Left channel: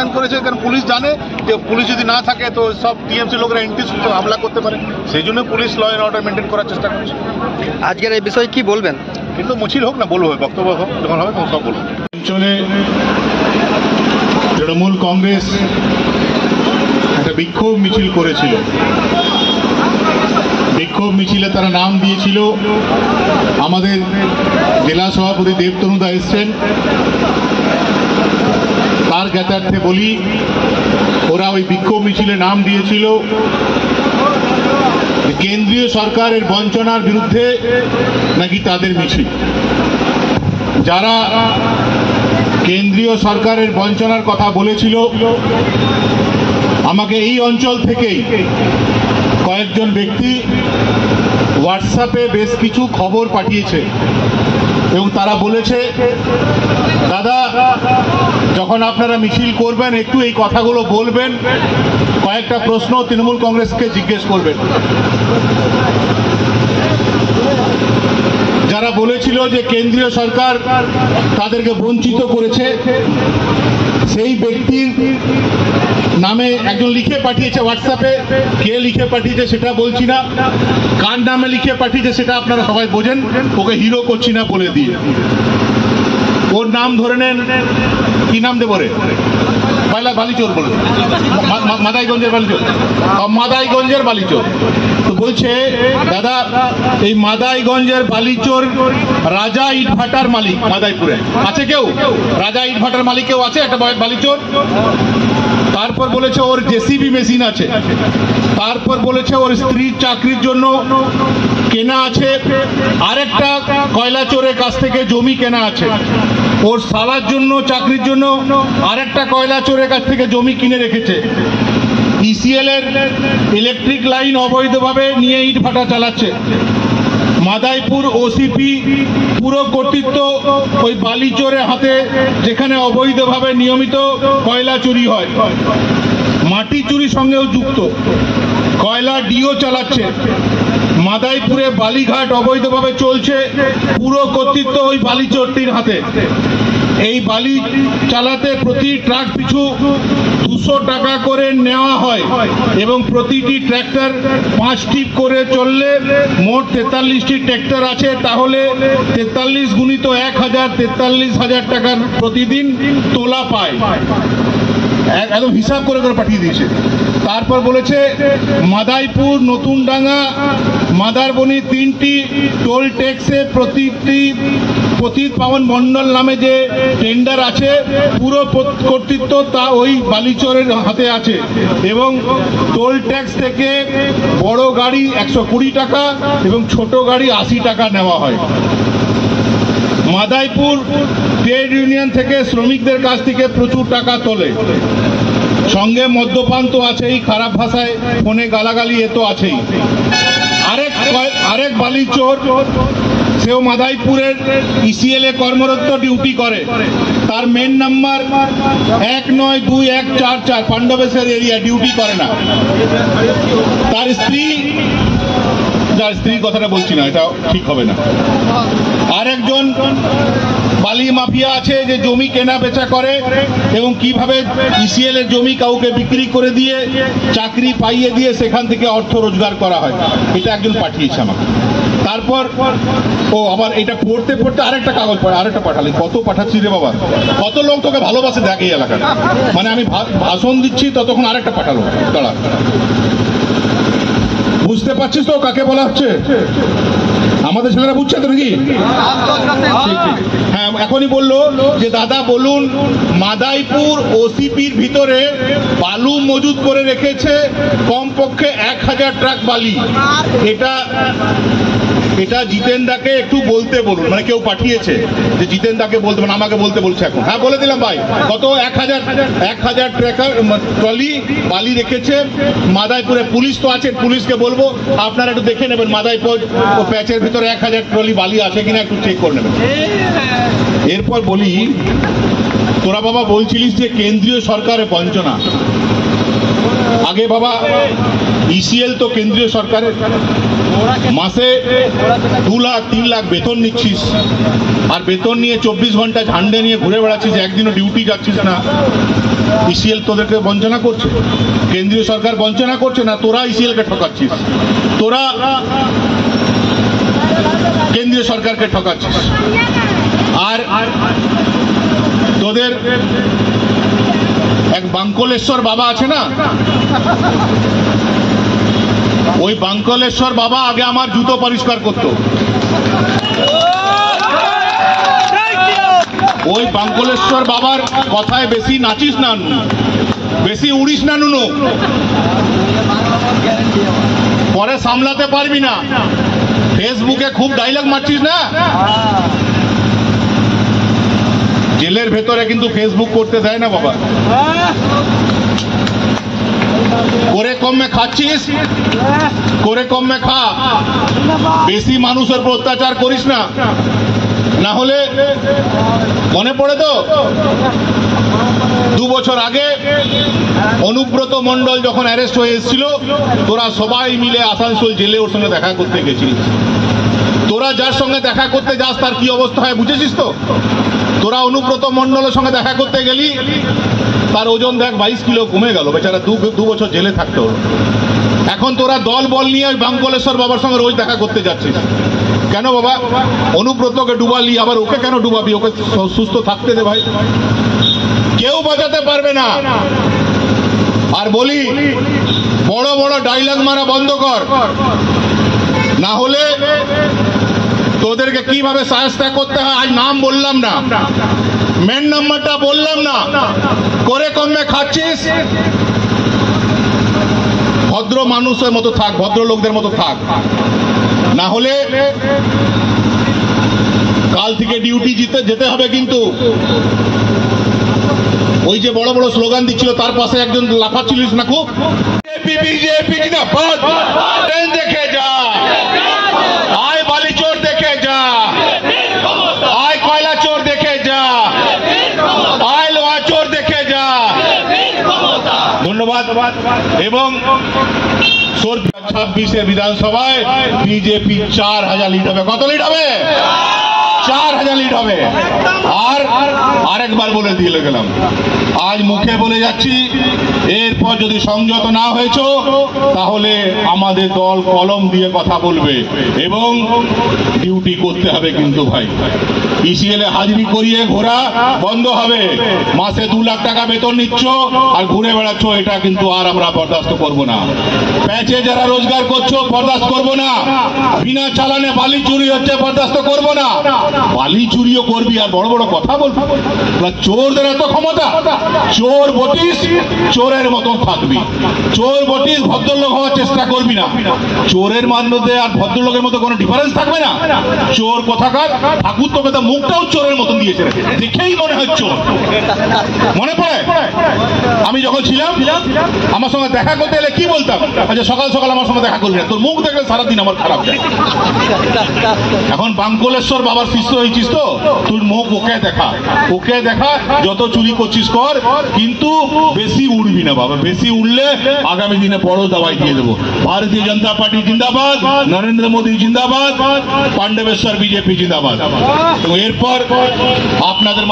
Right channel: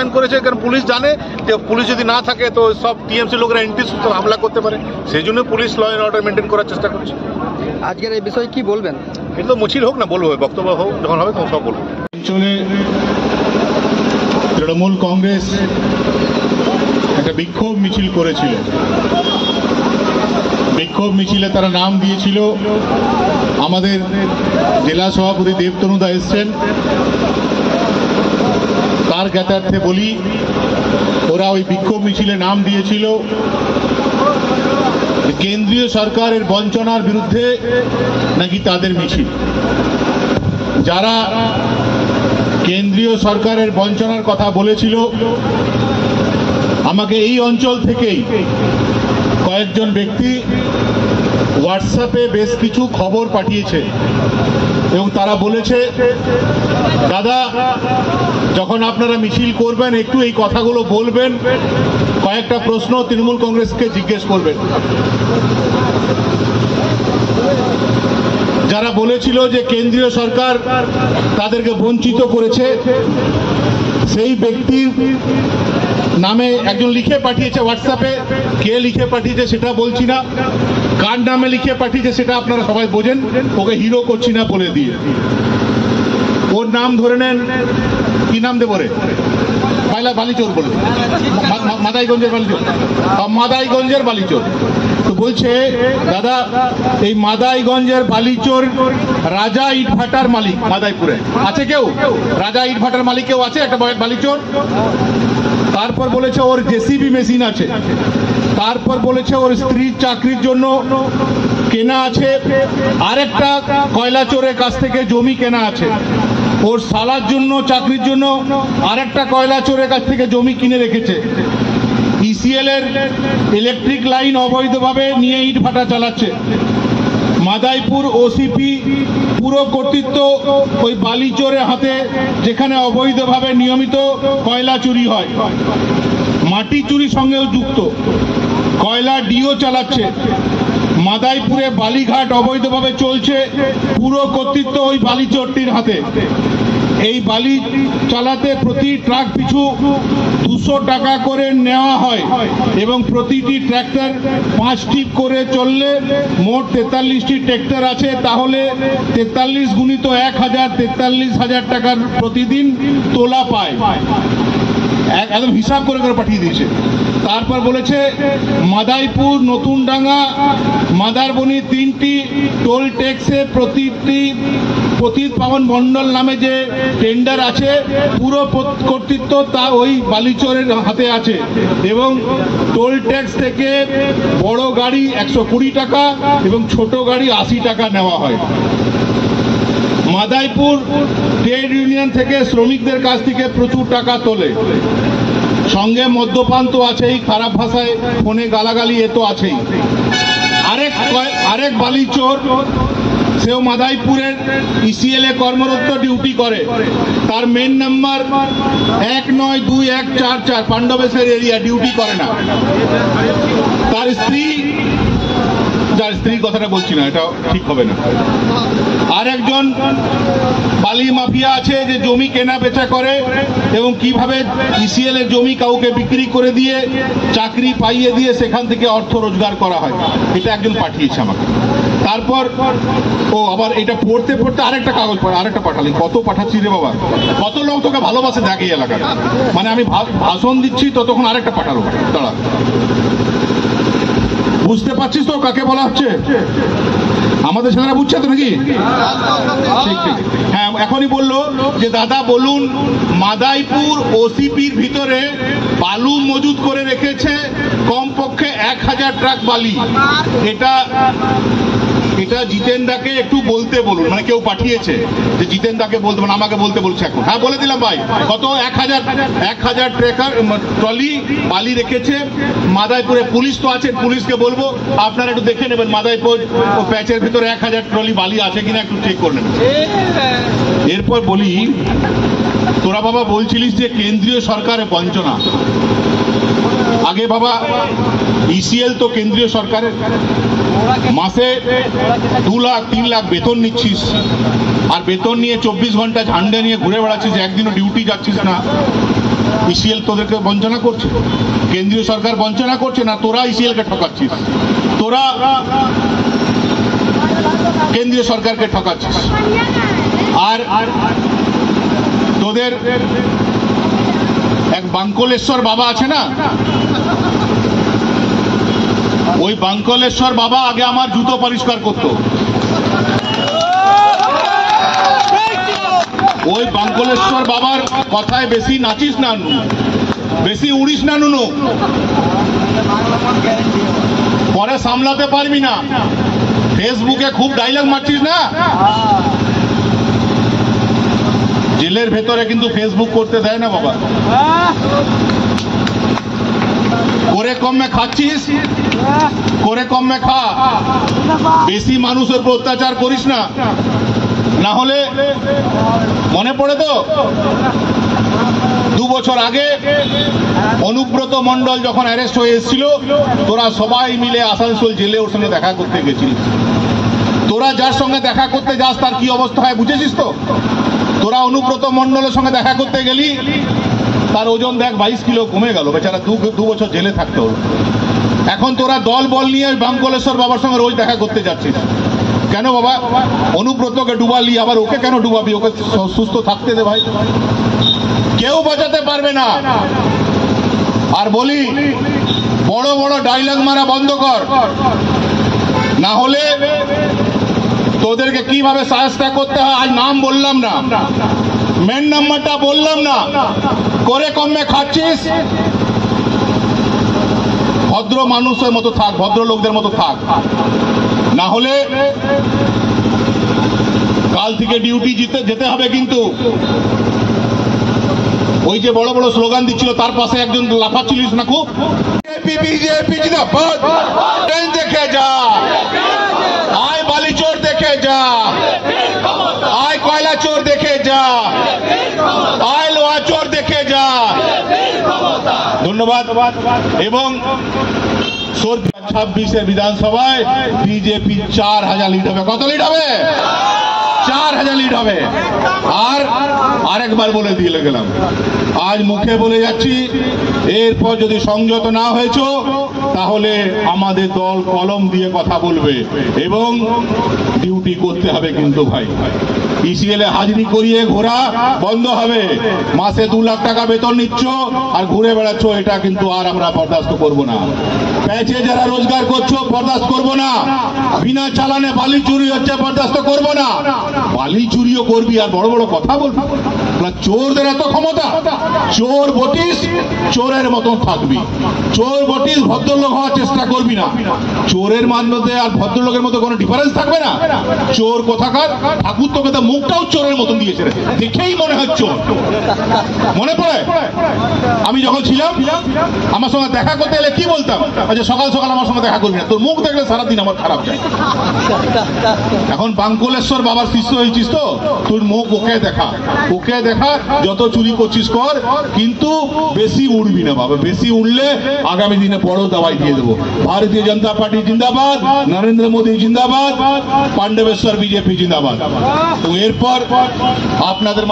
মোতায়েন করেছে, কারণ পুলিশ জানে যে পুলিশ যদি না থাকে তো সব টিএমসি লোকরা এন্টি সোশ্যাল হামলা করতে পারে, সেই জন্য police law and order maintain করার চেষ্টা করছে। আজকের এই বিষয়ে কি বলবেন? কিন্তু মিছিল হোক না, বলবো, বক্তব্য হোক, যখন হবে তখন সব বলবো। অঞ্চলে তৃণমূল কংগ্রেস একটা বিক্ষোভ মিছিল করেছিল। বিক্ষোভ মিছিলে তারা নাম দিয়েছিল, আমাদের জেলা সভাপতি দেবতনুদা এসছেন, তার জ্ঞাতার্থে বলি ওরা ওই বিক্ষোভ মিছিলে নাম দিয়েছিল কেন্দ্রীয় সরকারের বঞ্চনার বিরুদ্ধে নাকি তাদের মিছিল। যারা কেন্দ্রীয় সরকারের বঞ্চনার কথা বলেছিল আমাকে এই অঞ্চল থেকেই কয়েকজন ব্যক্তি হোয়াটসঅ্যাপে বেশ কিছু খবর পাঠিয়েছে এবং তারা বলেছে, দাদা যখন আপনারা মিছিল করবেন একটু এই কথাগুলো বলবেন, কয়েকটা প্রশ্ন তৃণমূল কংগ্রেসকে জিজ্ঞেস করবেন। যারা বলেছিল যে কেন্দ্রীয় সরকার তাদেরকে বঞ্চিত করেছে, সেই ব্যক্তির নামে একজন লিখে পাঠিয়েছে হোয়াটসঅ্যাপে, কে লিখে পাঠিয়েছে সেটা বলছি না, কার নামে লিখে পাঠিয়েছে সেটা আপনারা সবাই বোঝেন, ওকে হিরো করছি না বলে দিয়ে। ওর নাম ধরে নেন, কি নাম দেবো রে, বালিচোর বলুন, মাদাইগঞ্জের বালিচোর, মাদাইগঞ্জের বালিচোর। তো বলছে, দাদা এই মাদাইগঞ্জের বালিচোর রাজা ইটভাটার মালিক মাদাইপুরে আছে কেউ? রাজা ইটভাটার মালিক কেউ আছে একটা বালিচোর? তারপর বলেছে ওর জেসিবি মেশিন আছে, তারপর বলেছে ওর স্ত্রীর চাকরির জন্য কেনা আছে, আরেকটা কয়লা চোরের কাছ থেকে জমি কেনা আছে, ওর সালার জন্য চাকরির জন্য আরেকটা কয়লা চোরের কাছ থেকে জমি কিনে রেখেছে, ইসিএল এর ইলেকট্রিক লাইন অবৈধভাবে নিয়ে ইট ভাটা চালাচ্ছে, মাদাইপুর ওসিপি পুরো কর্তৃত্ব ওই বালিচোরের হাতে, যেখানে অবৈধভাবে নিয়মিত কয়লা চুরি হয়, মাটি চুরির সঙ্গেও যুক্ত, কয়লা ডিও চালাচ্ছে, মাদাইপুরে বালিঘাট অবৈধভাবে চলছে, পুরো কর্তৃত্ব ওই বালিচোরটির হাতে। এই বালি চালাতে প্রতি ট্রাক পিছু 200 টাকা করে নেওয়া হয় এবং প্রতিটি ট্র্যাক্টর 5 টিপ করে চললে মোট 43টি ট্র্যাক্টর আছে, তাহলে 43 গুণিত 1000, 43,000 টাকার প্রতিদিন তোলা পায়। একদম হিসাব করে করে পাঠিয়ে দিয়েছে। তারপর বলেছে মাদাইপুর, নতুনডাঙ্গা, মাদারবনি 3টি টোল ট্যাক্সে প্রতীক পাবন মন্ডল নামে যে টেন্ডার আছে, পুরো কর্তৃত্ব তা ওই বালিচরের হাতে আছে এবং টোল ট্যাক্স থেকে বড় গাড়ি 120 টাকা এবং ছোট গাড়ি 80 টাকা নেওয়া হয়। মাদাইপুর ট্রেড ইউনিয়ন থেকে শ্রমিকদের কাছ থেকে প্রচুর টাকা তোলে, সঙ্গে মদ্যপান তো আছেই, খারাপ ভাষায় ফোনে গালাগালি এ তো আছেই। আরেক বালিচোর, সেও মাদাইপুরের ইসিএল এ কর্মরত, ডিউটি করে, তার main number 192144, Pandabeswar area, duty করে না। তার স্ত্রীর কথাটা বলছি না, এটা ঠিক হবে না। আর একজন বালি মাফিয়া আছে যে জমি কেনা বেচা করে এবং কিভাবে ইসিএল এর জমি কাউকে বিক্রি করে দিয়ে চাকরি পাইয়ে দিয়ে সেখান থেকে অর্থ রোজগার করা হয়, এটা একজন পাঠিয়েছে আমাকে। তারপর আবার এটা পড়তে পড়তে আরেকটা কাগজ আরেকটা পাঠালি, কত পাঠাচ্ছি রে বাবা, কত লোক তোকে ভালোবাসে দেখ এই এলাকায়, মানে আমি ভাষণ দিচ্ছি ততক্ষণ আরেকটা পাঠালো, দাঁড়া। বুঝতে পারছিস তো কাকে বলা হচ্ছে? আমাদের ছেলেরা বুঝছে তো নাকি? হ্যাঁ, এখনই বললো যে দাদা বলুন, মাদাইপুর ওসিপির ভিতরে বালু মজুদ করে রেখেছে কমপক্ষে 1000 ট্রাক বালি। এটা জিতেনদাকে একটু বলতে বলুন, মানে কেউ পাঠিয়েছে যে জিতেনদাকে বলতে, মানে আমাকে বলতে বলছে এখন। হ্যাঁ, বলে দিলাম ভাই, কত 1000 ট্রাকার ট্রলি বালি রেখেছে মাদাইপুরে। পুলিশ তো আছে, পুলিশকে বলবো আপনারা একটু দেখে নেবেন মাদাইপুর ও প্যাচের ভিতরে 1000 ট্রলি বালি আছে কিনা একটু চেক করে নেবেন। এরপর বলি, তোরা বাবা বলছিলিস যে কেন্দ্রীয় সরকারের বঞ্চনা, আগে বাবা ইসিএল তো কেন্দ্রীয় সরকারের, মাসে 2 লাখ 3 লাখ বেতন নিচ্ছিস, আর বেতন নিয়ে 24 ঘন্টা ঝান্ডে নিয়ে ঘুরে বেড়াচ্ছিস, একদিনও ডিউটি যাচ্ছিস না। ইসিএল তোদেরকে বঞ্চনা করছে, কেন্দ্রীয় সরকার বঞ্চনা করছে না, তোরা ইসিএল কে ঠকাচ্ছিস, তোরা কেন্দ্রীয় সরকারকে ঠকাচ্ছিস। আর তোদের এক বাঙ্কলেশ্বর বাবা আছে না, ওই বাঙ্কলেশ্বর বাবা আগে আমার জুতো পরিষ্কার করত। ওই বাঙ্কলেশ্বর বাবার কথায় বেশি নাচিস না, বেশি উড়িস না নুনু, পরে সামলাতে পারবি না। ফেসবুকে খুব ডায়লগ মারছিস না, জেলের ভেতরে কিন্তু ফেসবুক করতে দেয় না বাবা। করে কমে খাচ্ছিস, করে কমে খা, বেশি মানুষের উপর অত্যাচার করিস না, না হলে মনে পড়ে তো 2 বছর আগে অনুব্রত মণ্ডল যখন অ্যারেস্ট হয়ে এসেছিল, তোরা সবাই মিলে আসানসোল জেলে ওর সঙ্গে দেখা করতে গেছিস। তোরা যার সঙ্গে দেখা করতে যাস তার কি অবস্থা হয় বুঝেছিস তো? তোরা অনুব্রত মণ্ডলের সঙ্গে দেখা করতে গেলি, তার ওজন দেখ 22 কিলো কমে গেল, বেচারা 2 বছর জেলে থাকতে হলো। এখন তোরা দল বল নিয়ে ওই বাঙ্কলেশ্বর বাবার সঙ্গে রোজ দেখা করতে যাচ্ছিস কেন বাবা? অনুব্রতকে ডুবালি, আবার ওকে কেন ডুবাবি? ওকে সুস্থ থাকতে দে ভাই, কেউ বাঁচাতে পারবে না। আর বলি, বড় বড় ডায়লগ মারা বন্ধ কর, না হলে তোদেরকে কিভাবে সাহায্য করতে হয় আজ নাম বললাম না, মেন নাম্বারটা বললাম না। করে কমে খাচ্ছিস, ভদ্র মানুষের মতো থাক, ভদ্র লোকদের মতো থাক, না হলে কাল থেকে ডিউটি যেতে হবে। কিন্তু ওই যে বড় বড় স্লোগান দিচ্ছিল তার পাশে একজন লাফাচ্ছিলিস না খুব, বিজেপি জিন্দাবাদ, ট্রেন দেখে যা, আয় বালি চোর দেখে যা, আয় কয়লা চোর দেখে যা, আয় লোহা চোর দেখে যা। ধন্যবাদ। এবং 26 বিধানসভায় বিজেপি 4000 লিড হবে। কত লিড হবে? 4000 লিড হবে। আর আরেকবার বলে দিয়ে গেলাম, আজ মুখে বলে যাচ্ছি, এরপর যদি সংযত না হয়েছ তাহলে আমাদের দল কলম দিয়ে কথা বলবে এবং ডিউটি করতে হবে। কিন্তু ভাই, ইসিএল এ হাজিরি করিয়ে ঘোরা বন্ধ হবে। মাসে 2 লাখ টাকা বেতন নিচ্ছ আর ঘুরে বেড়াচ্ছ, এটা কিন্তু আর আমরা বরদাস্ত করব না। প্যাচে যারা রোজগার করছো বরদাস্ত করব না। বিনা চালানে বালি চুরি হচ্ছে, বরদাস্ত করব না। বালি চুরিও করবি আর বড় বড় কথা বলবি, চোরদের এত ক্ষমতা। চোর বটিস, চোরের মতন থাকবি। চোর বটিস, ভদ্রলোক হওয়ার চেষ্টা করবি না। চোরের মধ্যে আর ভদ্রলোকের মধ্যে কোনো ডিফারেন্স থাকবে না। চোর কোথাকার, ঠাকুর তোকে তো মুখটাও চোরের মতন দিয়েছে, দেখেই মনে হয় চোর। মনে পড়ে আমি যখন ছিলাম, আমার সঙ্গে দেখা করতে গেলে কি বলতাম? আচ্ছা সকাল সকাল আমার সঙ্গে দেখা করবি না, তোর মুখ দেখলে সারাদিন আমার খারাপ যায়। এখন বাঙ্কলেশ্বর বাবার শিষ্য হয়েছিস তো, তুই মুখ ওকে দেখা, ওকে দেখা, যত চুরি করছিস কর, কিন্তু বেশি উড়বি না বাবা। বেশি উড়লে আগামী দিনে বড় দাওয়াই দিয়ে দেবো। ভারতীয় জনতা পার্টি জিন্দাবাদ, নরেন্দ্র মোদী জিন্দাবাদ, পাণ্ডবেশ্বর বিজেপি জিন্দাবাদ। তো এরপর আপনাদের